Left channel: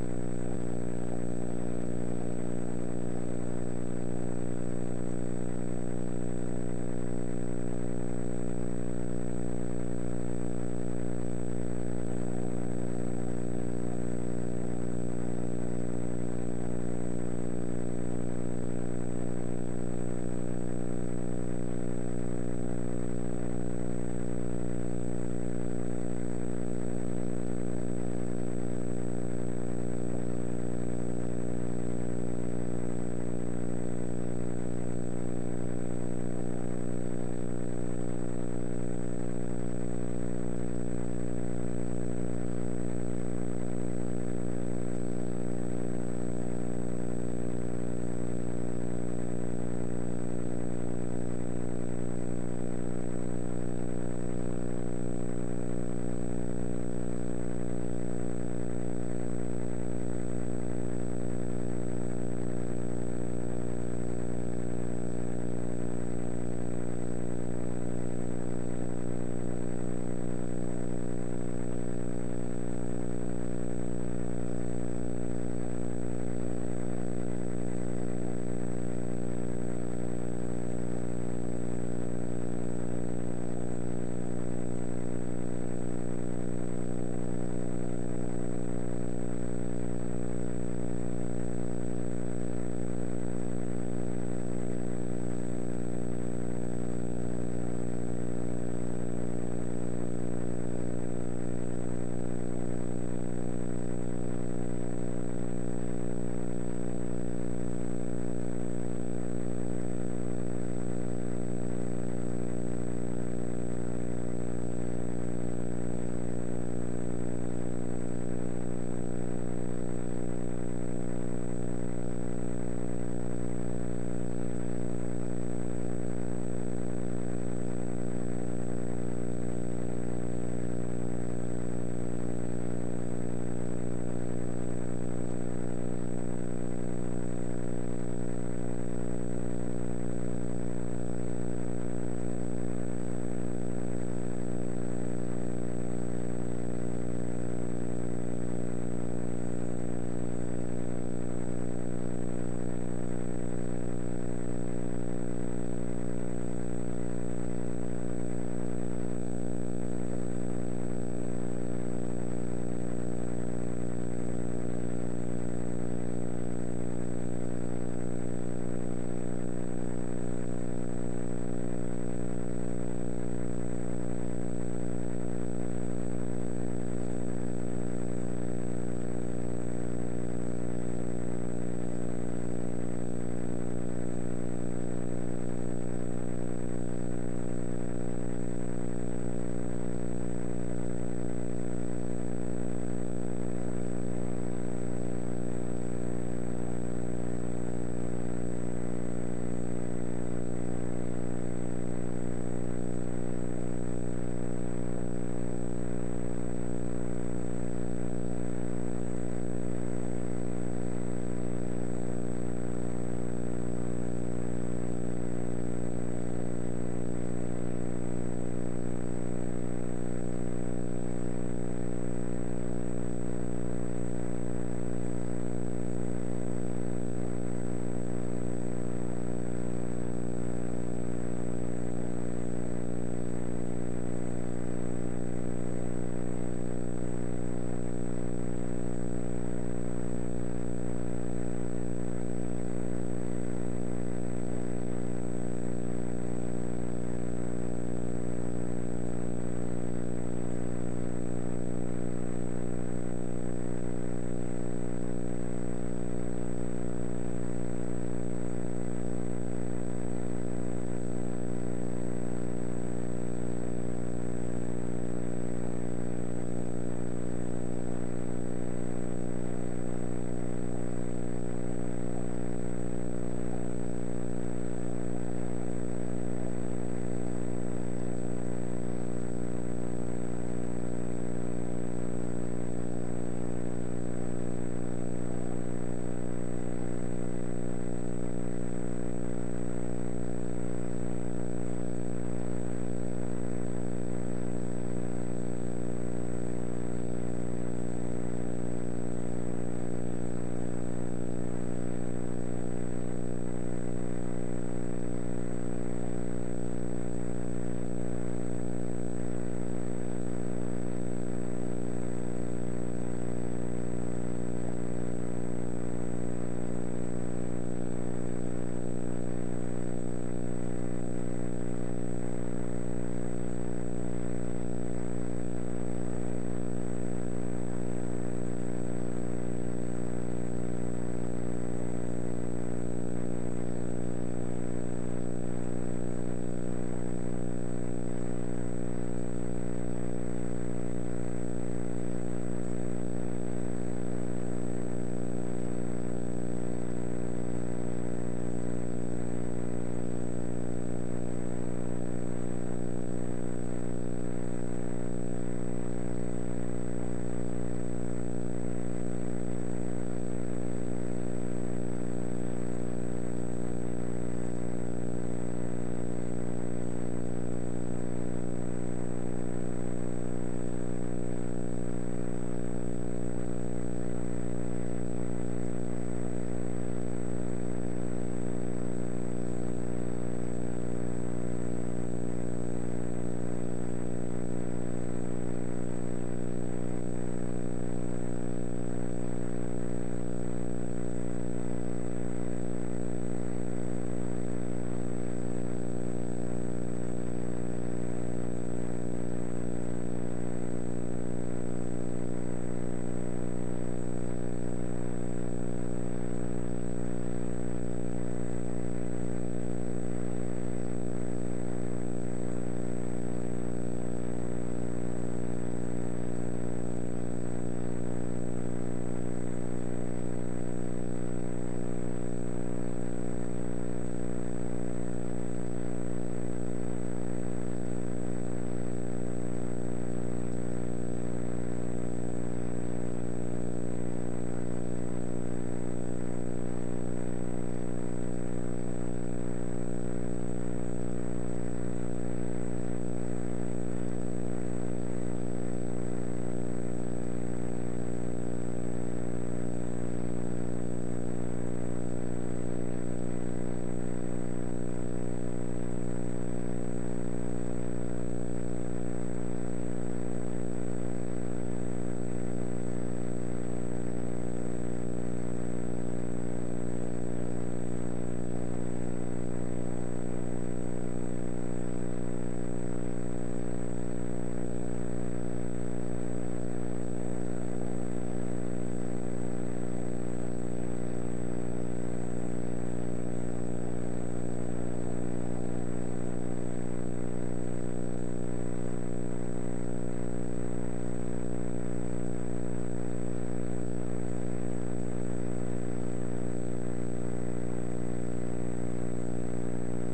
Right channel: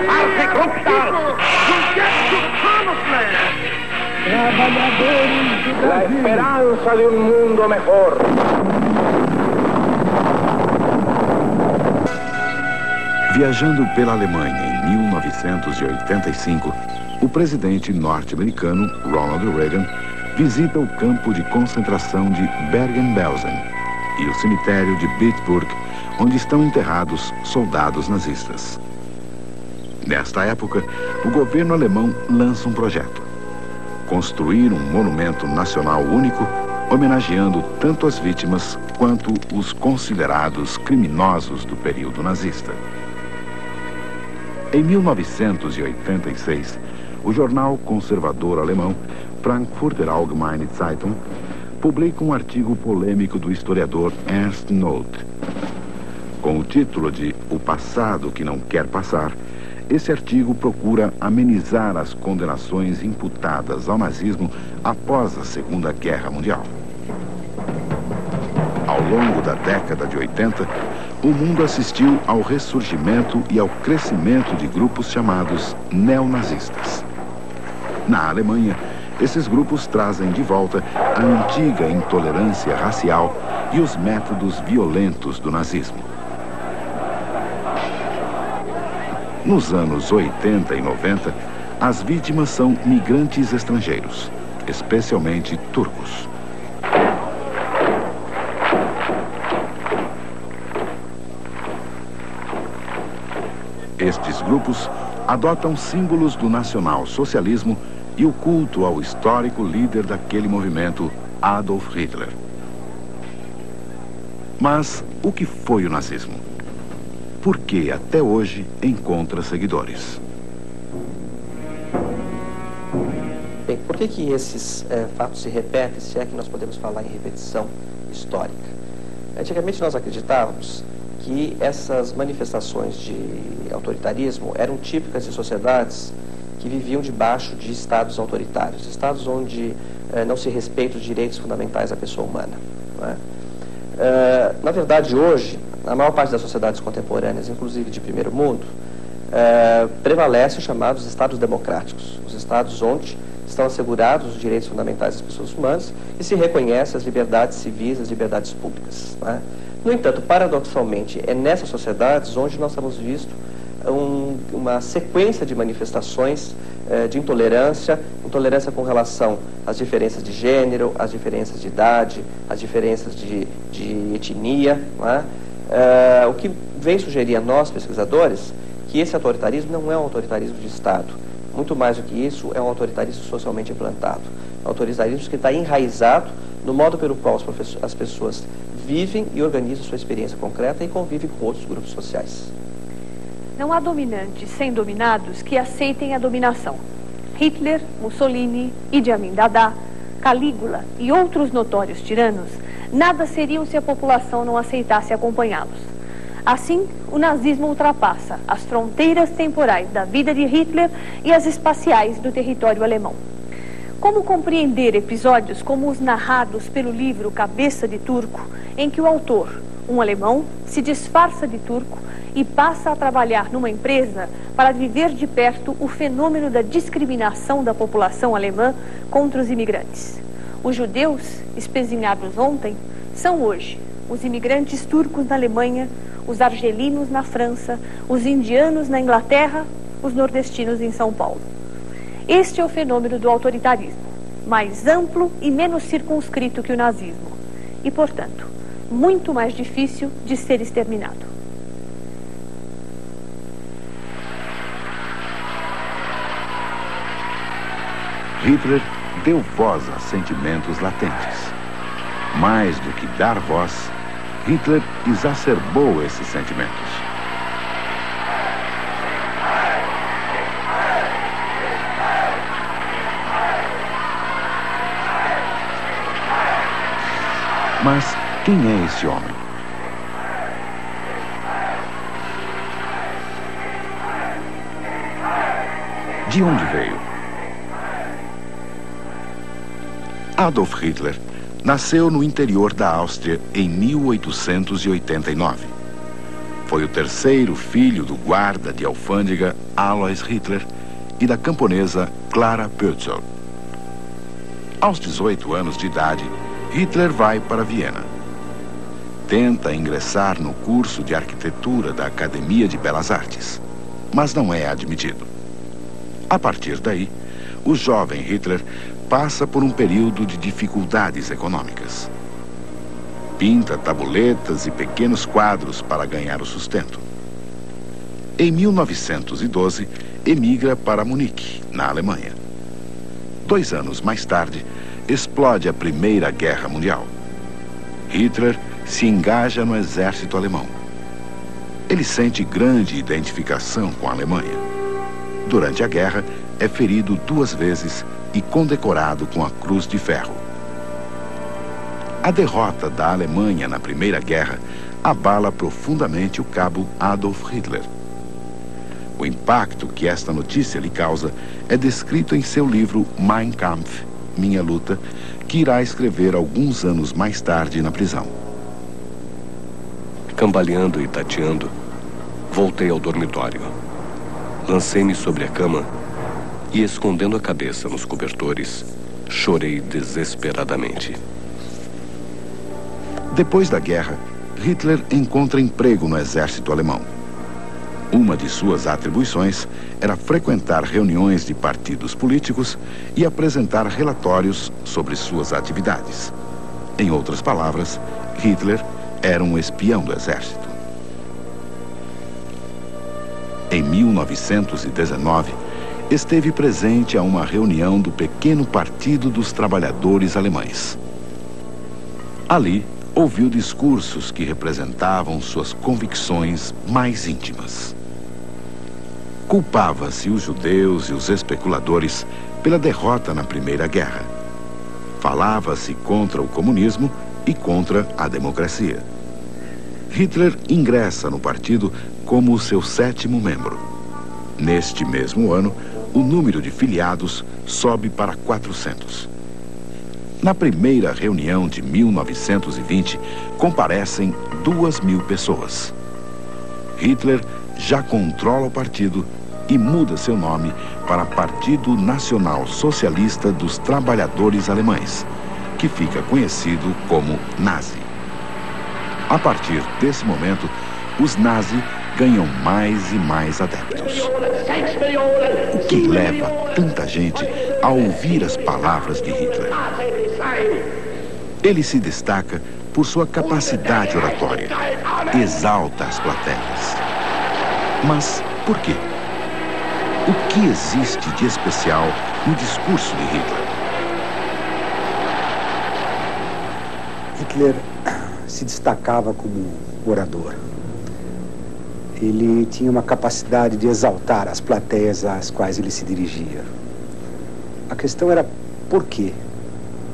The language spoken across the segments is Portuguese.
agrupar-se, grupar-se. La esperanza de un mundo mejor. Viajando pela Alemanha em 1985, o presidente norte-americano Ronald Reagan visita o campo de concentração de Bergen-Belsen e o cemitério de Bitburg, onde estão enterrados soldados nazistas. Nesta época, o governo alemão lança um projeto: construir um monumento nacional único, homenageando tanto as vítimas quanto os considerados criminosos do período nazista. Em 1986, o jornal conservador alemão Frankfurter Allgemeine Zeitung publica um artigo polêmico do historiador Ernst Noth. Com o título de O Passado que Não Quer Passar, esse artigo procura amenizar as condenações imputadas ao nazismo após a Segunda Guerra Mundial. Ao longo da década de 80, o mundo assistiu ao ressurgimento e ao crescimento de grupos chamados neonazistas. Na Alemanha, esses grupos trazem de volta a antiga intolerância racial e os métodos violentos do nazismo. Nos anos 80 e 90, as vítimas são migrantes estrangeiros, especialmente turcos. Estes grupos adotam símbolos do nacional-socialismo e o culto ao histórico líder daquele movimento, Adolf Hitler. Mas o que foi o nazismo? Por que até hoje encontra seguidores? Bem, por que esses fatos se repetem, se é que nós podemos falar em repetição histórica? Antigamente nós acreditávamos que essas manifestações de autoritarismo eram típicas de sociedades que viviam debaixo de estados autoritários, estados onde não se respeitam os direitos fundamentais da pessoa humana. Não é? Na verdade, hoje, na maior parte das sociedades contemporâneas, inclusive de primeiro mundo, prevalecem os chamados estados democráticos, os estados onde estão assegurados os direitos fundamentais das pessoas humanas e se reconhecem as liberdades civis, as liberdades públicas. Não é? No entanto, paradoxalmente, é nessas sociedades onde nós temos visto uma sequência de manifestações de intolerância com relação às diferenças de gênero, às diferenças de idade, às diferenças de etnia. Não é? O que vem sugerir a nós, pesquisadores, que esse autoritarismo não é um autoritarismo de Estado. Muito mais do que isso, é um autoritarismo socialmente implantado. É um autoritarismo que está enraizado no modo pelo qual as pessoas vivem e organizam sua experiência concreta e convivem com outros grupos sociais. Não há dominantes sem dominados que aceitem a dominação. Hitler, Mussolini, Idi Amin Dada, Calígula e outros notórios tiranos nada seriam se a população não aceitasse acompanhá-los. Assim, o nazismo ultrapassa as fronteiras temporais da vida de Hitler e as espaciais do território alemão. Como compreender episódios como os narrados pelo livro Cabeça de Turco, em que o autor, um alemão, se disfarça de turco e passa a trabalhar numa empresa para viver de perto o fenômeno da discriminação da população alemã contra os imigrantes? Os judeus, espezinhados ontem, são hoje os imigrantes turcos na Alemanha, os argelinos na França, os indianos na Inglaterra, os nordestinos em São Paulo. Este é o fenômeno do autoritarismo, mais amplo e menos circunscrito que o nazismo, e, portanto, muito mais difícil de ser exterminado. Hitler deu voz a sentimentos latentes. Mais do que dar voz, Hitler exacerbou esses sentimentos. Mas quem é esse homem? De onde veio? Adolf Hitler nasceu no interior da Áustria em 1889. Foi o terceiro filho do guarda de alfândega Alois Hitler e da camponesa Clara Pölzl. Aos 18 anos de idade, Hitler vai para Viena. Tenta ingressar no curso de arquitetura da Academia de Belas Artes, mas não é admitido. A partir daí, o jovem Hitler passa por um período de dificuldades econômicas. Pinta tabuletas e pequenos quadros para ganhar o sustento. Em 1912, emigra para Munique, na Alemanha. 2 anos mais tarde, explode a Primeira Guerra Mundial. Hitler se engaja no exército alemão. Ele sente grande identificação com a Alemanha. Durante a guerra, é ferido 2 vezes e condecorado com a Cruz de Ferro. A derrota da Alemanha na Primeira Guerra abala profundamente o cabo Adolf Hitler. O impacto que esta notícia lhe causa é descrito em seu livro Mein Kampf, Minha Luta, que irá escrever alguns anos mais tarde na prisão. Cambaleando e tateando, voltei ao dormitório. Lancei-me sobre a cama e, escondendo a cabeça nos cobertores, chorei desesperadamente. Depois da guerra, Hitler encontra emprego no exército alemão. Uma de suas atribuições era frequentar reuniões de partidos políticos e apresentar relatórios sobre suas atividades. Em outras palavras, Hitler era um espião do exército. Em 1919, esteve presente a uma reunião do pequeno Partido dos Trabalhadores Alemães. Ali, ouviu discursos que representavam suas convicções mais íntimas. Culpava-se os judeus e os especuladores pela derrota na Primeira Guerra. Falava-se contra o comunismo e contra a democracia. Hitler ingressa no partido como o seu 7º membro. Neste mesmo ano, o número de filiados sobe para 400. Na primeira reunião de 1920, comparecem 2.000 pessoas. Hitler já controla o partido e muda seu nome para Partido Nacional Socialista dos Trabalhadores Alemães, que fica conhecido como Nazi. A partir desse momento, os nazis ganham mais e mais adeptos. O que leva tanta gente a ouvir as palavras de Hitler? Ele se destaca por sua capacidade oratória. Exalta as plateias. Mas por quê? O que existe de especial no discurso de Hitler? Hitler se destacava como orador. Ele tinha uma capacidade de exaltar as plateias às quais ele se dirigia. A questão era por quê?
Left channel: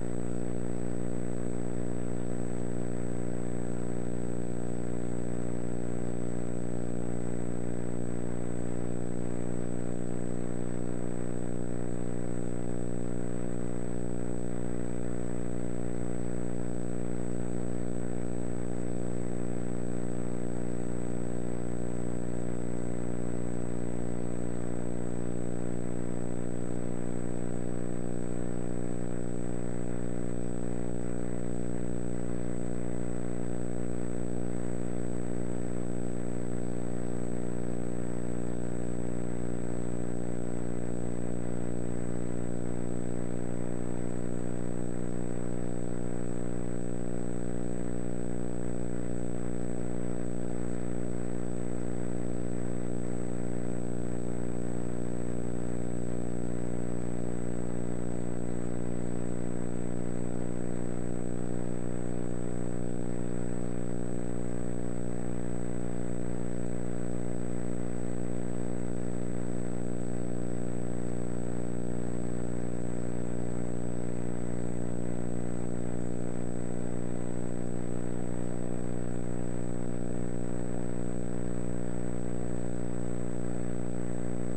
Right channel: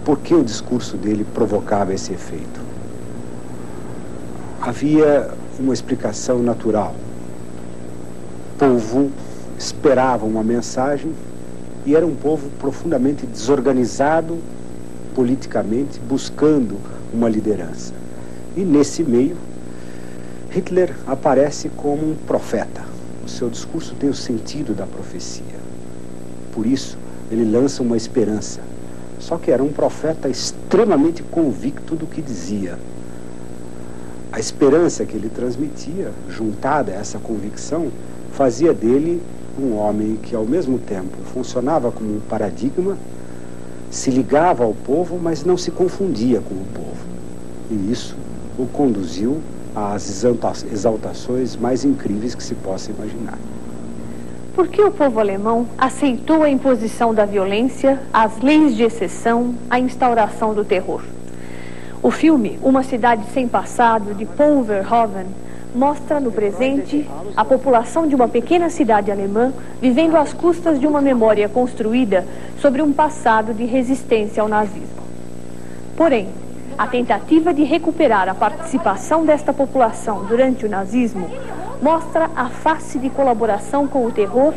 Por que o discurso dele provocava esse efeito? Havia uma explicação natural. O povo esperava uma mensagem e era um povo profundamente desorganizado politicamente, buscando uma liderança. E nesse meio, Hitler aparece como um profeta. O seu discurso tem o sentido da profecia. Por isso, ele lança uma esperança. Só que era um profeta extremamente convicto do que dizia. A esperança que ele transmitia, juntada a essa convicção, fazia dele um homem que, ao mesmo tempo, funcionava como um paradigma, se ligava ao povo, mas não se confundia com o povo. E isso o conduziu às exaltações mais incríveis que se possa imaginar. Por que o povo alemão aceitou a imposição da violência, as leis de exceção, a instauração do terror? O filme Uma Cidade Sem Passado, de Paul Verhoeven, mostra no presente a população de uma pequena cidade alemã vivendo às custas de uma memória construída sobre um passado de resistência ao nazismo. Porém, a tentativa de recuperar a participação desta população durante o nazismo mostra a face de colaboração com o terror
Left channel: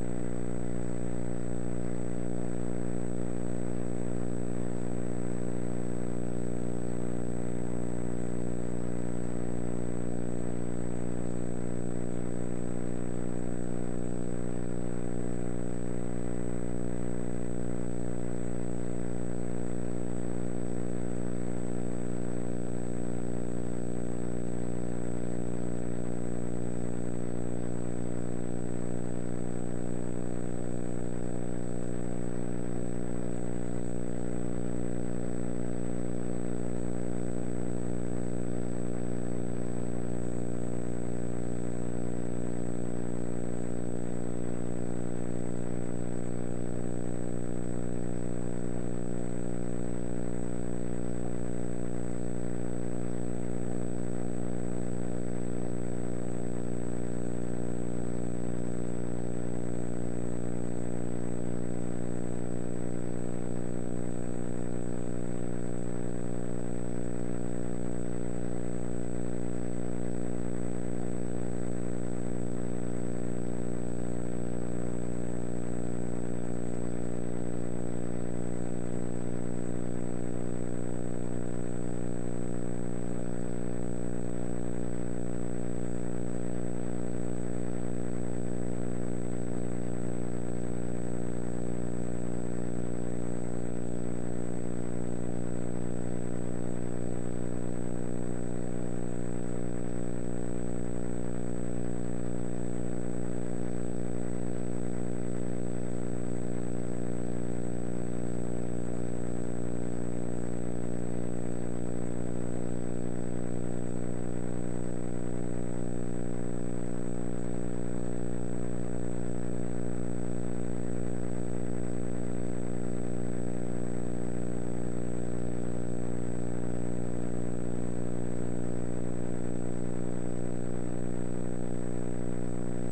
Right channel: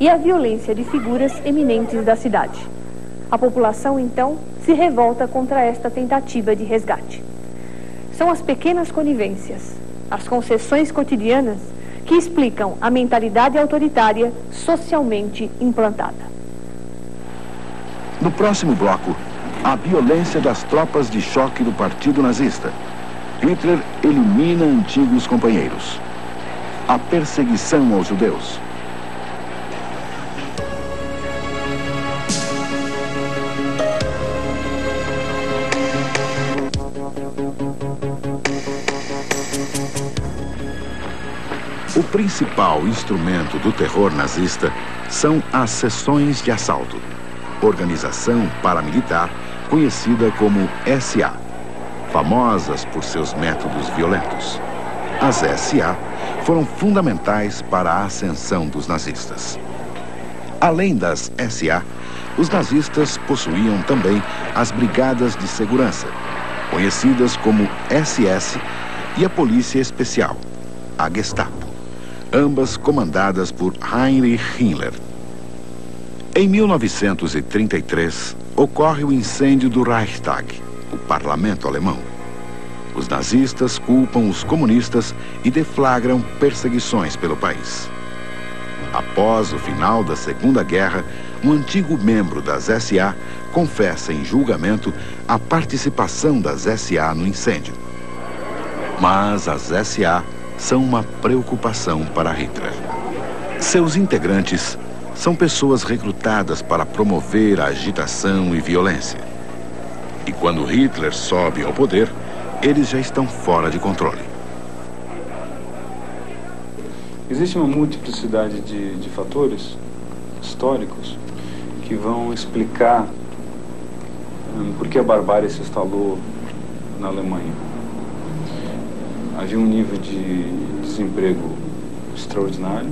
e a violência de figuras eminentes da cidade. A população, então, se revolta contra esta tentativa de resgate. São as pequenas conivências, as concessões cotidianas que explicam a mentalidade autoritária socialmente implantada. No próximo bloco, a violência das tropas de choque do Partido Nazista. Hitler elimina antigos companheiros. A perseguição aos judeus. O principal instrumento do terror nazista são as seções de assalto, organização paramilitar conhecida como SA, famosas por seus métodos violentos. As SA foram fundamentais para a ascensão dos nazistas. Além das SA, os nazistas possuíam também as brigadas de segurança, conhecidas como SS, e a polícia especial, a Gestapo, ambas comandadas por Heinrich Himmler. Em 1933, ocorre o incêndio do Reichstag, o parlamento alemão. Os nazistas culpam os comunistas e deflagram perseguições pelo país. Após o final da Segunda Guerra, um antigo membro das SA confessa em julgamento a participação das SA no incêndio. Mas as SA são uma preocupação para Hitler. Seus integrantes são pessoas recrutadas para promover a agitação e violência. E quando Hitler sobe ao poder, eles já estão fora de controle. Existe uma multiplicidade de fatores históricos que vão explicar por que a barbárie se instalou na Alemanha. Havia um nível de desemprego extraordinário.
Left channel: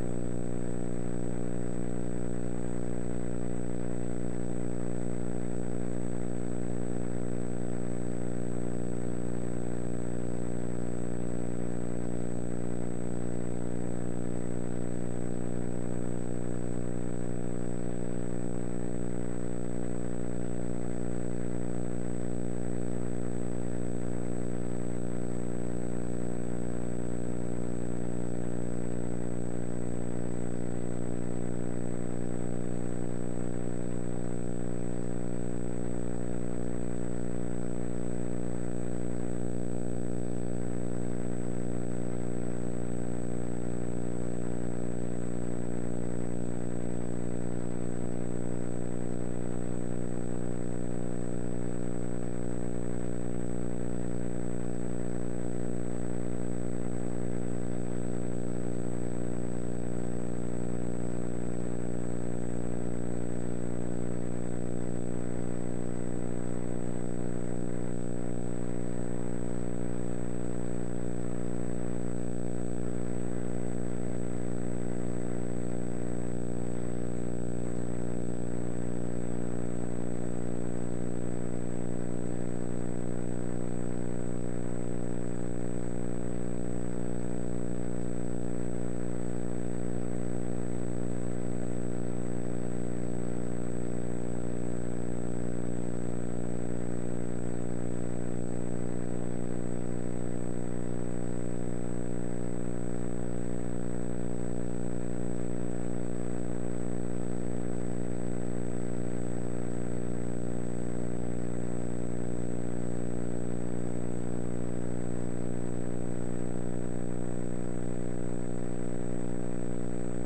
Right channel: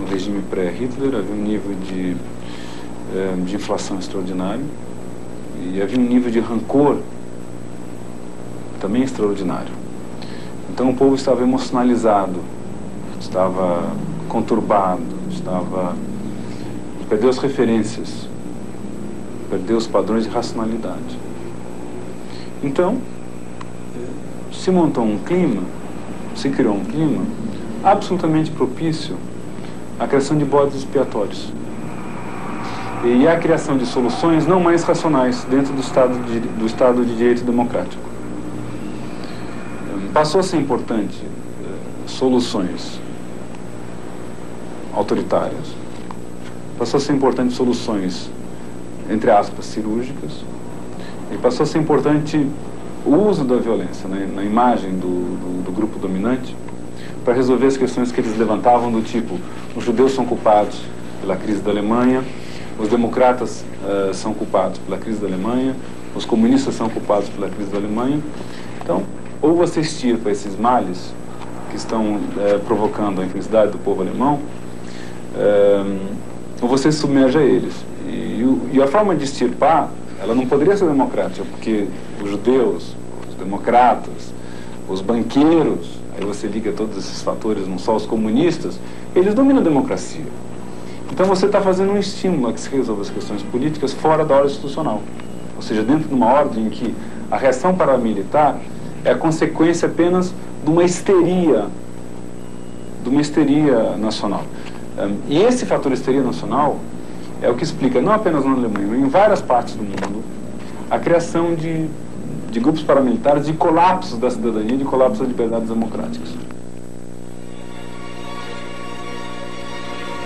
No regime pré-Hitler havia um nível de inflação extraordinário e havia um nível de rancor também extraordinário. Então o povo estava emocionalizado, estava conturbado, perdeu as referências, perdeu os padrões de racionalidade. Então se montou um clima, se criou um clima absolutamente propício à criação de bodes expiatórios e à criação de soluções não mais racionais dentro do Estado de Direito Democrático. Passou a ser importante soluções autoritárias, passou a ser importante soluções, entre aspas, cirúrgicas, e passou a ser importante o uso da violência, né, na imagem do grupo dominante, para resolver as questões que eles levantavam do tipo: os judeus são culpados pela crise da Alemanha, os democratas são culpados pela crise da Alemanha, os comunistas são culpados pela crise da Alemanha. Então, ou você extirpa esses males que estão provocando a infelicidade do povo alemão, ou você se submerge a eles. E a forma de extirpar, ela não poderia ser democrática, porque os judeus, os democratas, os banqueiros, aí você liga todos esses fatores, não só os comunistas, eles dominam a democracia. Então você está fazendo um estímulo a que se resolva as questões políticas fora da ordem institucional. Ou seja, dentro de uma ordem em que a reação paramilitar é a consequência apenas de uma histeria nacional. E esse fator histeria nacional é o que explica, não apenas na Alemanha, mas em várias partes do mundo, a criação de grupos paramilitares, de colapsos da cidadania, de colapsos das liberdades democráticas.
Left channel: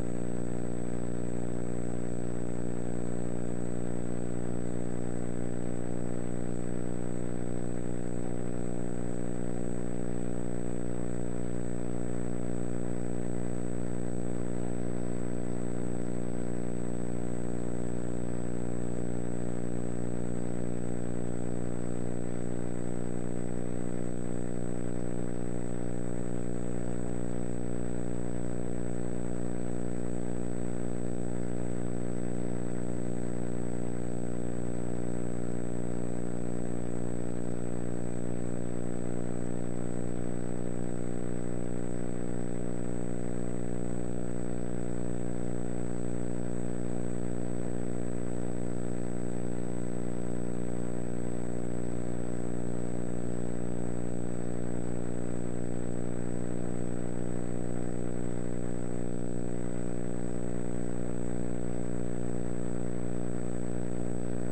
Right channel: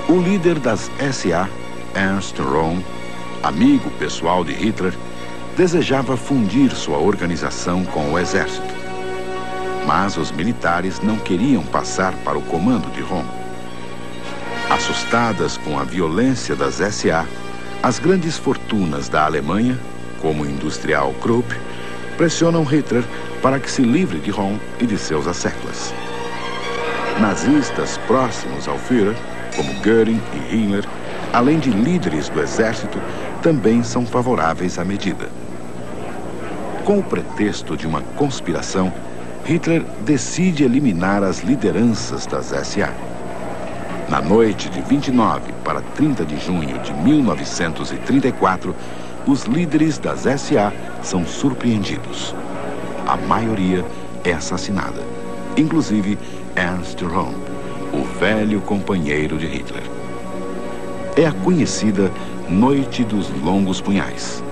O líder das SA, Ernst Röhm, amigo pessoal de Hitler, desejava fundir sua organização com o exército. Mas os militares não queriam passar para o comando de Röhm. Assustadas com a violência das SA, as grandes fortunas da Alemanha, como o industrial Krupp, pressionam Hitler para que se livre de Röhm e de seus asseclas. Nazistas próximos ao Führer, como Göring e Himmler, além de líderes do exército, também são favoráveis à medida. Com o pretexto de uma conspiração, Hitler decide eliminar as lideranças das SA. Na noite de 29 para 30 de junho de 1934, os líderes das SA são surpreendidos. A maioria é assassinada, inclusive Ernst Röhm, o velho companheiro de Hitler. É a conhecida Noite dos Longos Punhais.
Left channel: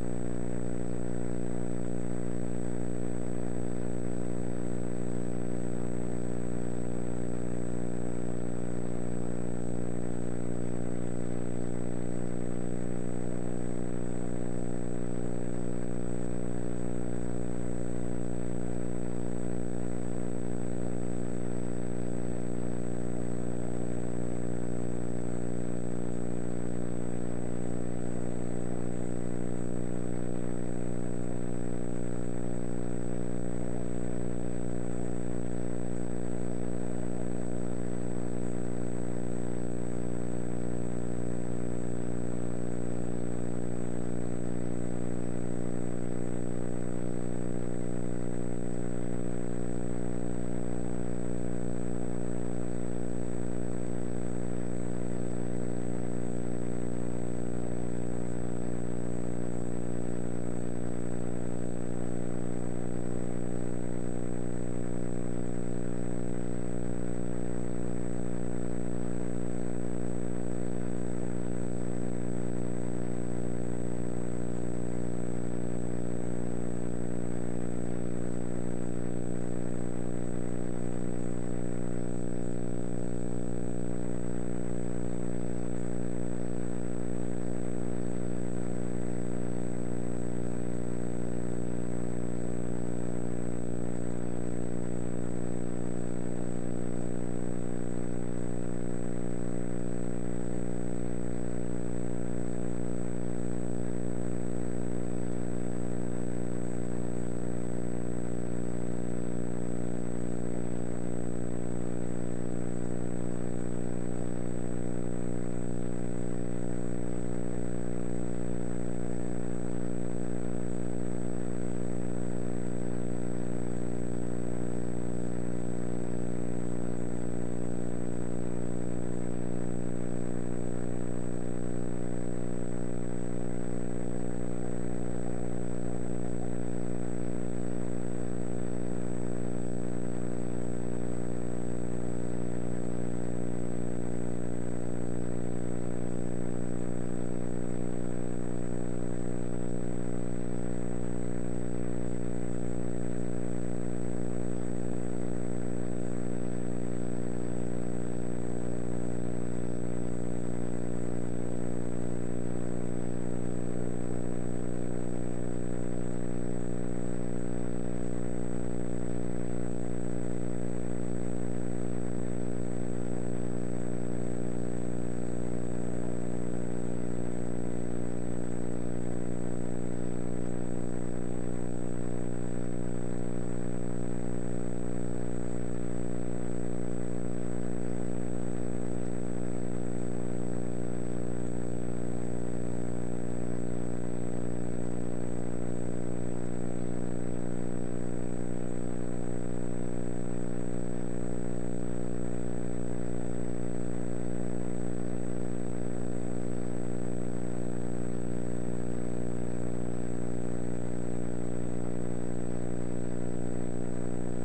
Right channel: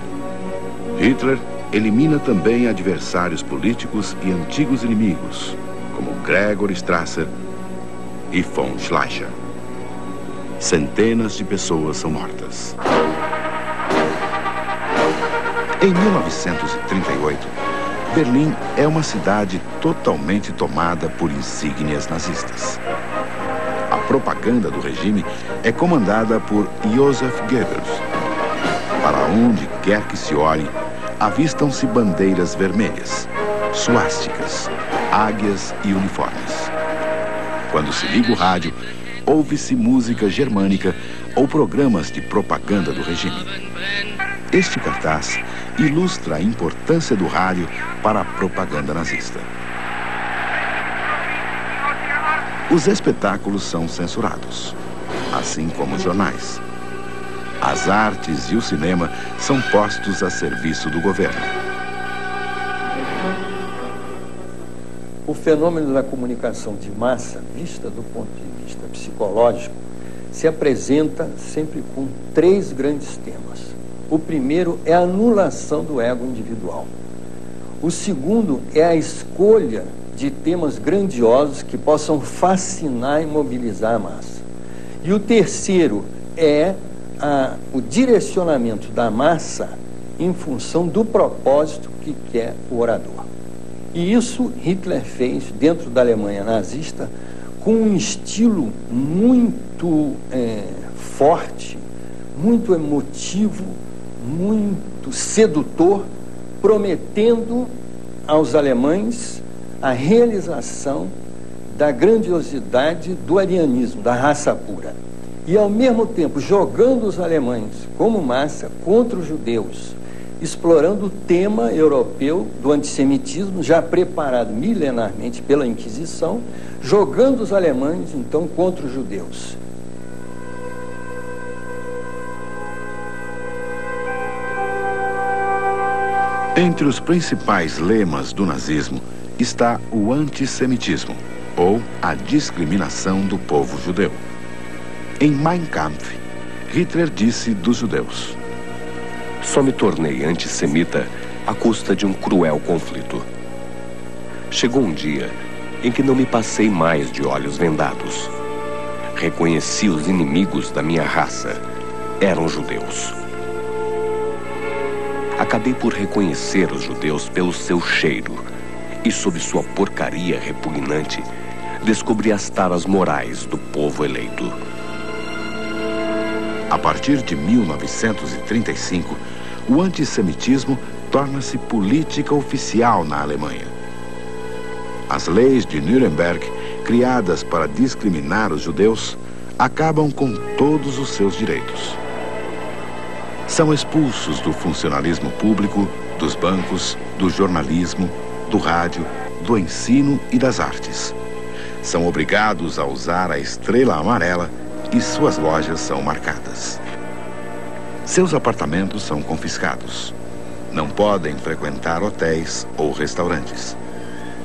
Hitler elimina também adversários políticos e antigos inimigos, como Gregor Strasser e von Schleicher. Centenas de pessoas são mortas. Em 1938, Berlim é uma cidade totalmente tomada por insígnias nazistas. A propaganda do regime é comandada por Joseph Goebbels. Para onde quer que se olhe, avistam-se bandeiras vermelhas, suásticas, águias e uniformes. Quando se liga o rádio, ouve-se música germânica ou programas de propaganda do regime. Este cartaz ilustra a importância do rádio para a propaganda nazista. Os espetáculos são censurados, assim como os jornais. As artes e o cinema são postos a serviço do governo. O fenômeno da comunicação de massa, vista do ponto de vista psicológico, se apresenta sempre com 3 grandes temas. O primeiro é a anulação do ego individual. O segundo é a escolha de temas grandiosos que possam fascinar e mobilizar a massa. E o terceiro é o direcionamento da massa em função do propósito que quer o orador. E isso Hitler fez dentro da Alemanha nazista com um estilo muito forte, muito emotivo, muito sedutor, prometendo aos alemães a realização da grandiosidade do arianismo, da raça pura. E, ao mesmo tempo, jogando os alemães como massa contra os judeus, explorando o tema europeu do antissemitismo, já preparado milenarmente pela Inquisição, jogando os alemães, então, contra os judeus. Entre os principais lemas do nazismo está o antissemitismo, ou a discriminação do povo judeu. Em Mein Kampf, Hitler disse dos judeus: só me tornei antissemita à custa de um cruel conflito. Chegou um dia em que não me passei mais de olhos vendados. Reconheci os inimigos da minha raça. Eram judeus. Acabei por reconhecer os judeus pelo seu cheiro e, sob sua porcaria repugnante, descobri as taras morais do povo eleito. A partir de 1935, o antissemitismo torna-se política oficial na Alemanha. As leis de Nuremberg, criadas para discriminar os judeus, acabam com todos os seus direitos. São expulsos do funcionalismo público, dos bancos, do jornalismo, do rádio, do ensino e das artes. São obrigados a usar a estrela amarela e suas lojas são marcadas. Seus apartamentos são confiscados. Não podem frequentar hotéis ou restaurantes.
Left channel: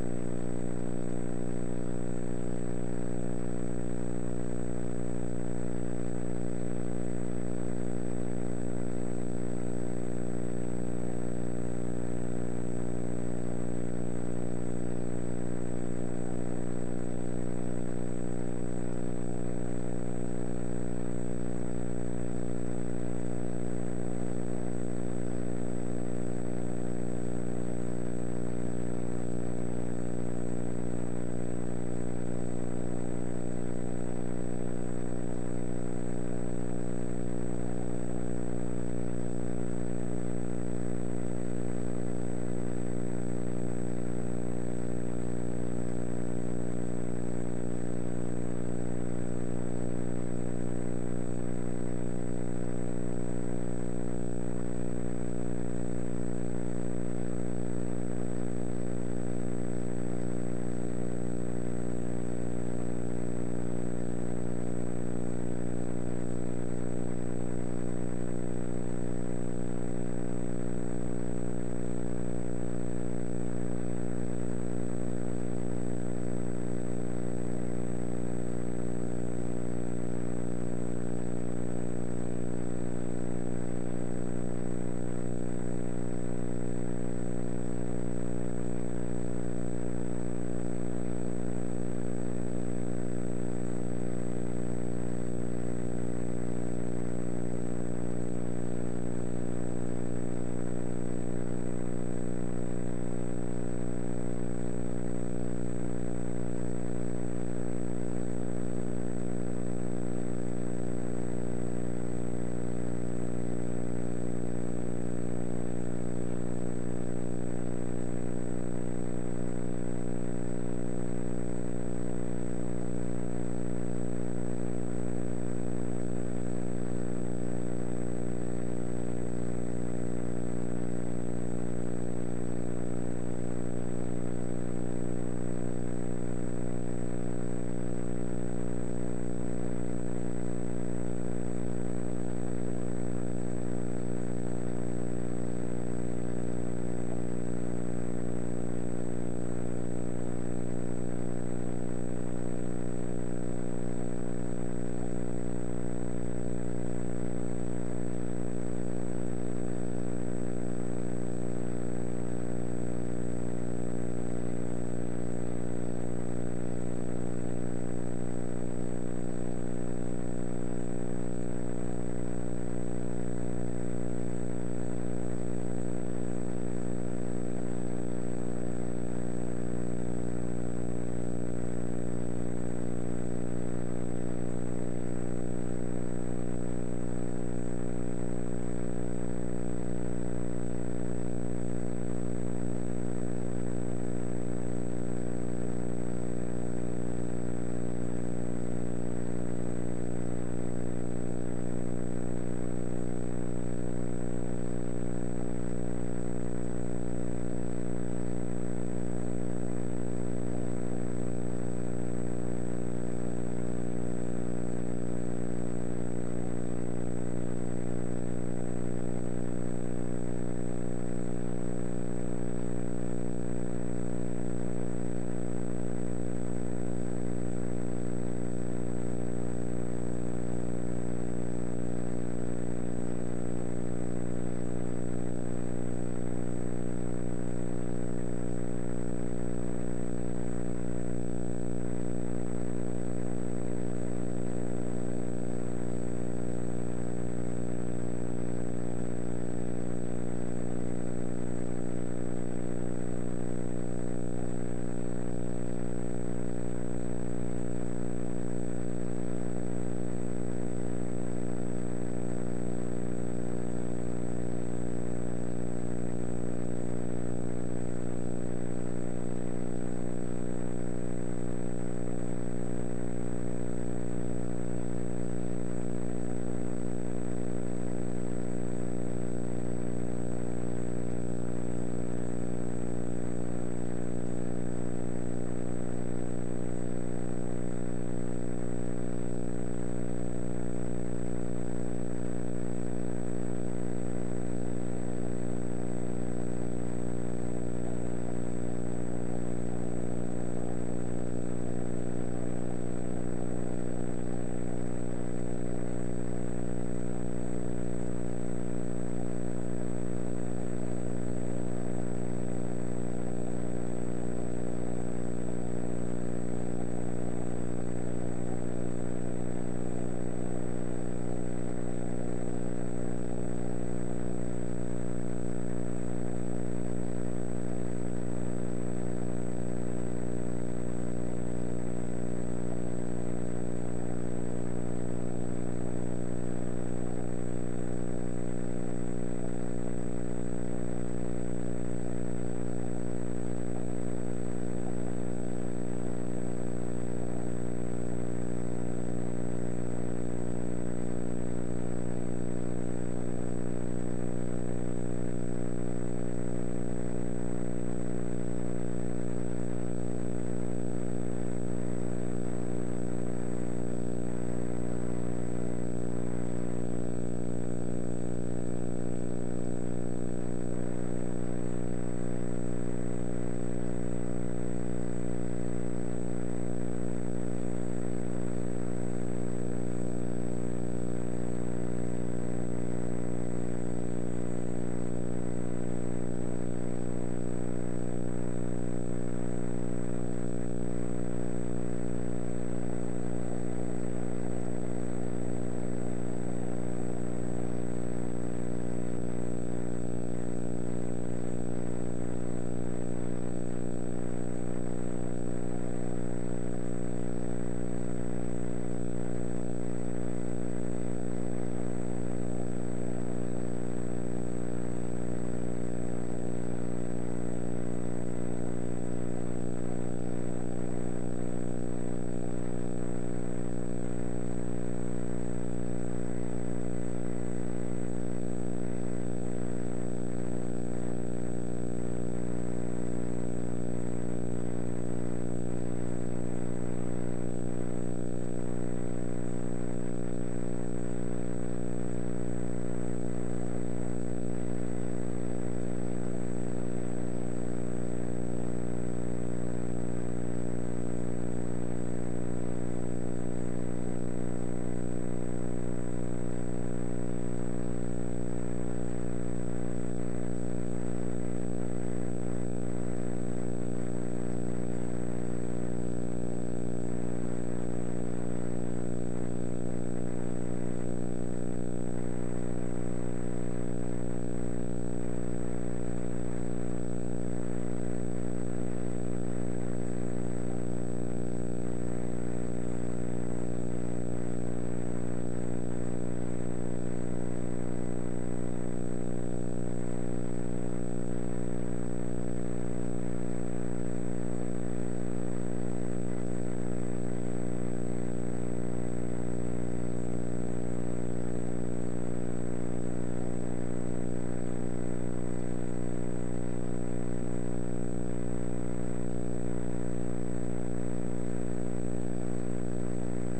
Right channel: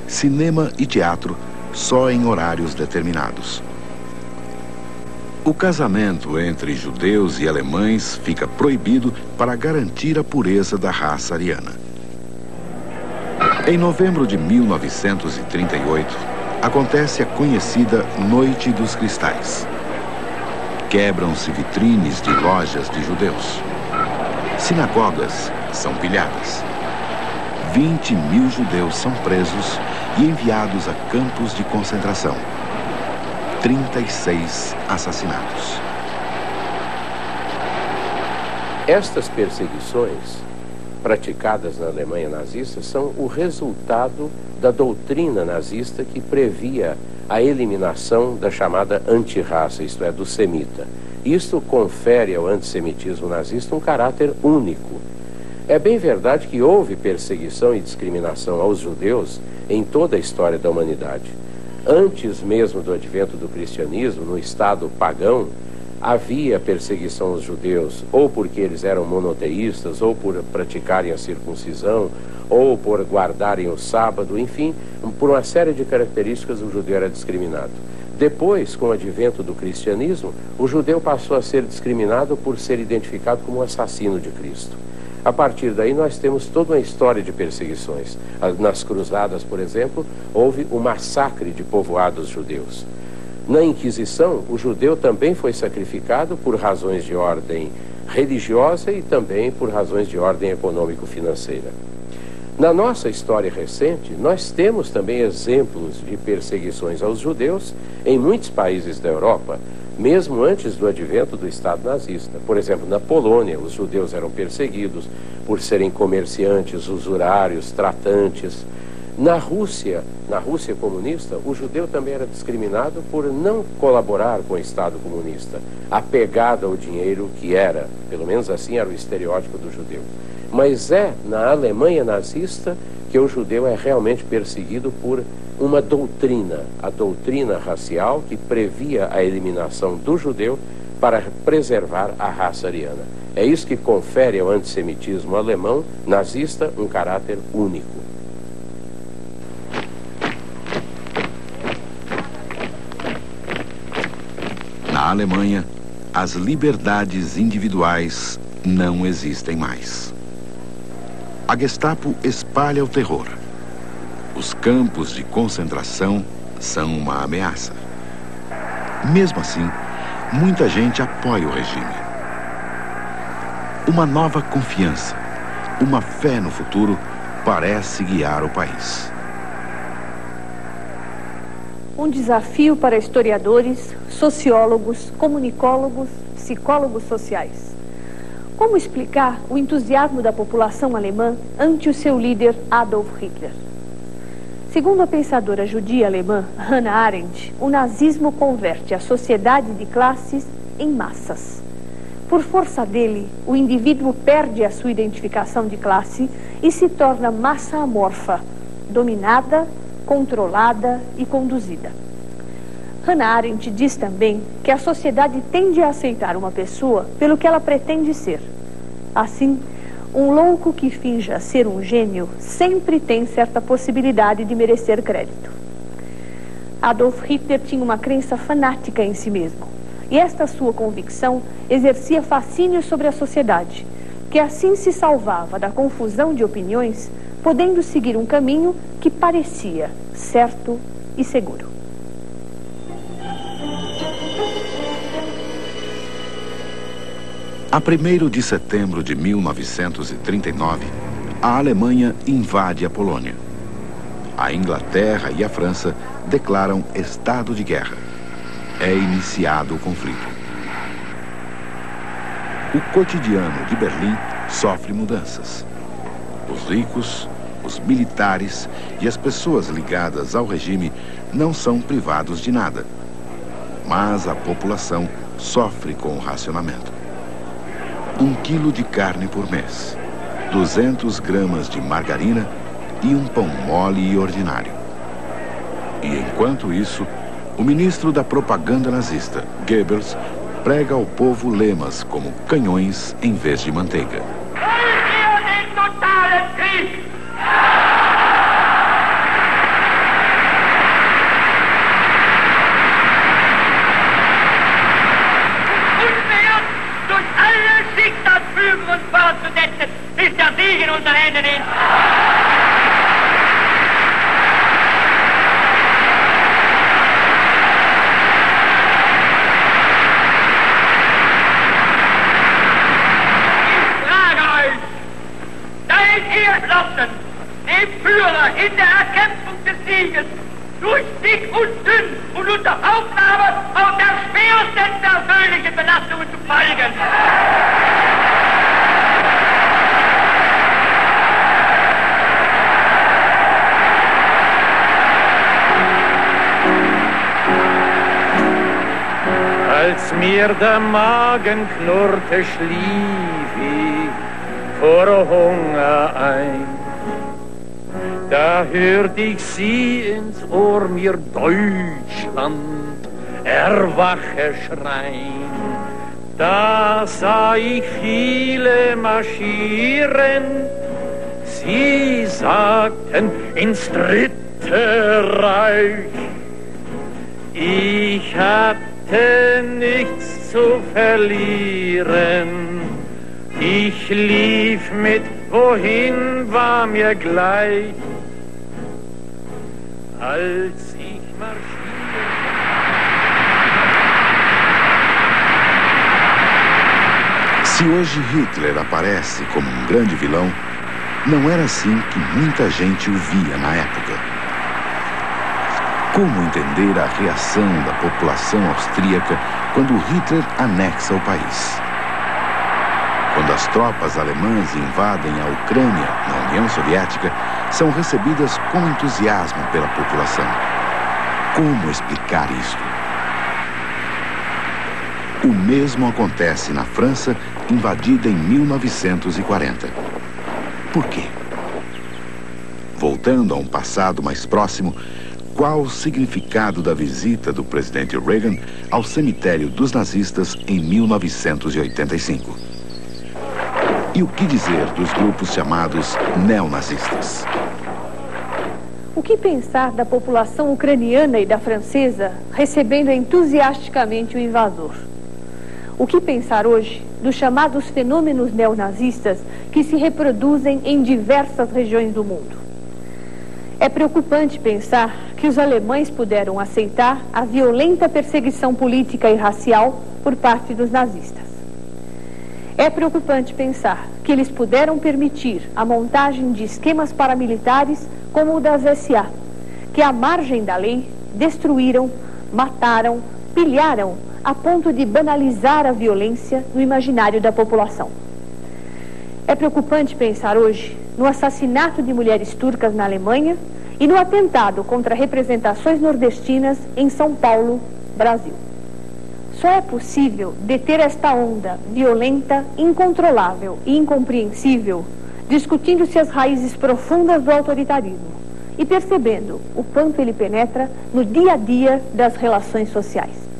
Cinema e teatro só em horários determinados. O casamento entre judeus e alemães fica proibido para garantir a pureza da raça ariana. Em novembro de 1938, acontece a conhecida Noite dos Cristais. Quebram-se vitrines de lojas de judeus. Sinagogas são pilhadas. 20.000 judeus são presos e enviados a campos de concentração. 36 assassinados. Estas perseguições praticadas na Alemanha nazista são o resultado da doutrina nazista que previa a eliminação da chamada antirraça, isto é, do semita. Isto confere ao antissemitismo nazista um caráter único. É bem verdade que houve perseguição e discriminação aos judeus em toda a história da humanidade. Antes mesmo do advento do cristianismo, no estado pagão, havia perseguição aos judeus, ou porque eles eram monoteístas, ou por praticarem a circuncisão, ou por guardarem o sábado, enfim, por uma série de características, o judeu era discriminado. Depois, com o advento do cristianismo, o judeu passou a ser discriminado por ser identificado como um assassino de Cristo. A partir daí, nós temos toda uma história de perseguições. Nas cruzadas, por exemplo, houve o massacre de povoados judeus. Na Inquisição, o judeu também foi sacrificado por razões de ordem religiosa e também por razões de ordem econômico-financeira. Na nossa história recente, nós temos também exemplos de perseguições aos judeus em muitos países da Europa, mesmo antes do advento do Estado nazista. Por exemplo, na Polônia, os judeus eram perseguidos por serem comerciantes, usurários, tratantes. Na Rússia comunista, o judeu também era discriminado por não colaborar com o Estado comunista, apegado ao dinheiro que era, pelo menos assim era o estereótipo do judeu. Mas é na Alemanha nazista que o judeu é realmente perseguido por uma doutrina, a doutrina racial que previa a eliminação do judeu para preservar a raça ariana. É isso que confere ao antissemitismo alemão nazista um caráter único. Na Alemanha, as liberdades individuais não existem mais. A Gestapo espalha o terror. Os campos de concentração são uma ameaça. Mesmo assim, muita gente apoia o regime. Uma nova confiança, uma fé no futuro parece guiar o país. Um desafio para historiadores, sociólogos, comunicólogos, psicólogos sociais. Como explicar o entusiasmo da população alemã ante o seu líder Adolf Hitler? Segundo a pensadora judia alemã Hannah Arendt, o nazismo converte a sociedade de classes em massas. Por força dele, o indivíduo perde a sua identificação de classe e se torna massa amorfa, dominada, controlada e conduzida. Hannah Arendt diz também que a sociedade tende a aceitar uma pessoa pelo que ela pretende ser. Assim, um louco que finja ser um gênio sempre tem certa possibilidade de merecer crédito. Adolf Hitler tinha uma crença fanática em si mesmo, e esta sua convicção exercia fascínio sobre a sociedade, que assim se salvava da confusão de opiniões, podendo seguir um caminho que parecia certo e seguro. A 1º de setembro de 1939, a Alemanha invade a Polônia. A Inglaterra e a França declaram estado de guerra. É iniciado o conflito. O cotidiano de Berlim sofre mudanças. Os ricos, os militares e as pessoas ligadas ao regime não são privados de nada. Mas a população sofre com o racionamento. 1 quilo de carne por mês, 200 gramas de margarina e um pão mole e ordinário. E enquanto isso, o ministro da propaganda nazista, Goebbels, prega ao povo lemas como canhões em vez de manteiga. dem Führer in der Erkämpfung des Sieges durch dick und dünn und unter Aufnahme auf der schwersten persönlichen Belastungen zu folgen. Als mir der Magen knurrte, schlief ich vor Hunger ein. Da hört ich sie ins Ohr mir Deutschland erwache schreien. Da sah ich viele marschieren, sie sagten ins 3. Österreich. Ich hatte nichts zu verlieren. Ich lief mit, wohin war mir gleich. Als ich marschierte. Se hoje Hitler aparece como um grande vilão, não era assim que muita gente o via na época. Como entender a reação da população austríaca quando Hitler anexa o país? Quando as tropas alemãs invadem a Ucrânia na União Soviética, são recebidas com entusiasmo pela população. Como explicar isto? O mesmo acontece na França, invadida em 1940. Por quê? Voltando a um passado mais próximo, qual o significado da visita do presidente Reagan ao cemitério dos nazistas em 1985? E o que dizer dos grupos chamados neonazistas? O que pensar da população ucraniana e da francesa recebendo entusiasticamente o invasor? O que pensar hoje dos chamados fenômenos neonazistas que se reproduzem em diversas regiões do mundo? É preocupante pensar que os alemães puderam aceitar a violenta perseguição política e racial por parte dos nazistas. É preocupante pensar que eles puderam permitir a montagem de esquemas paramilitares como o das SA, que à margem da lei destruíram, mataram, pilharam a ponto de banalizar a violência no imaginário da população. É preocupante pensar hoje no assassinato de mulheres turcas na Alemanha e no atentado contra representações nordestinas em São Paulo, Brasil. Só é possível deter esta onda violenta, incontrolável e incompreensível, discutindo-se as raízes profundas do autoritarismo e percebendo o quanto ele penetra no dia a dia das relações sociais.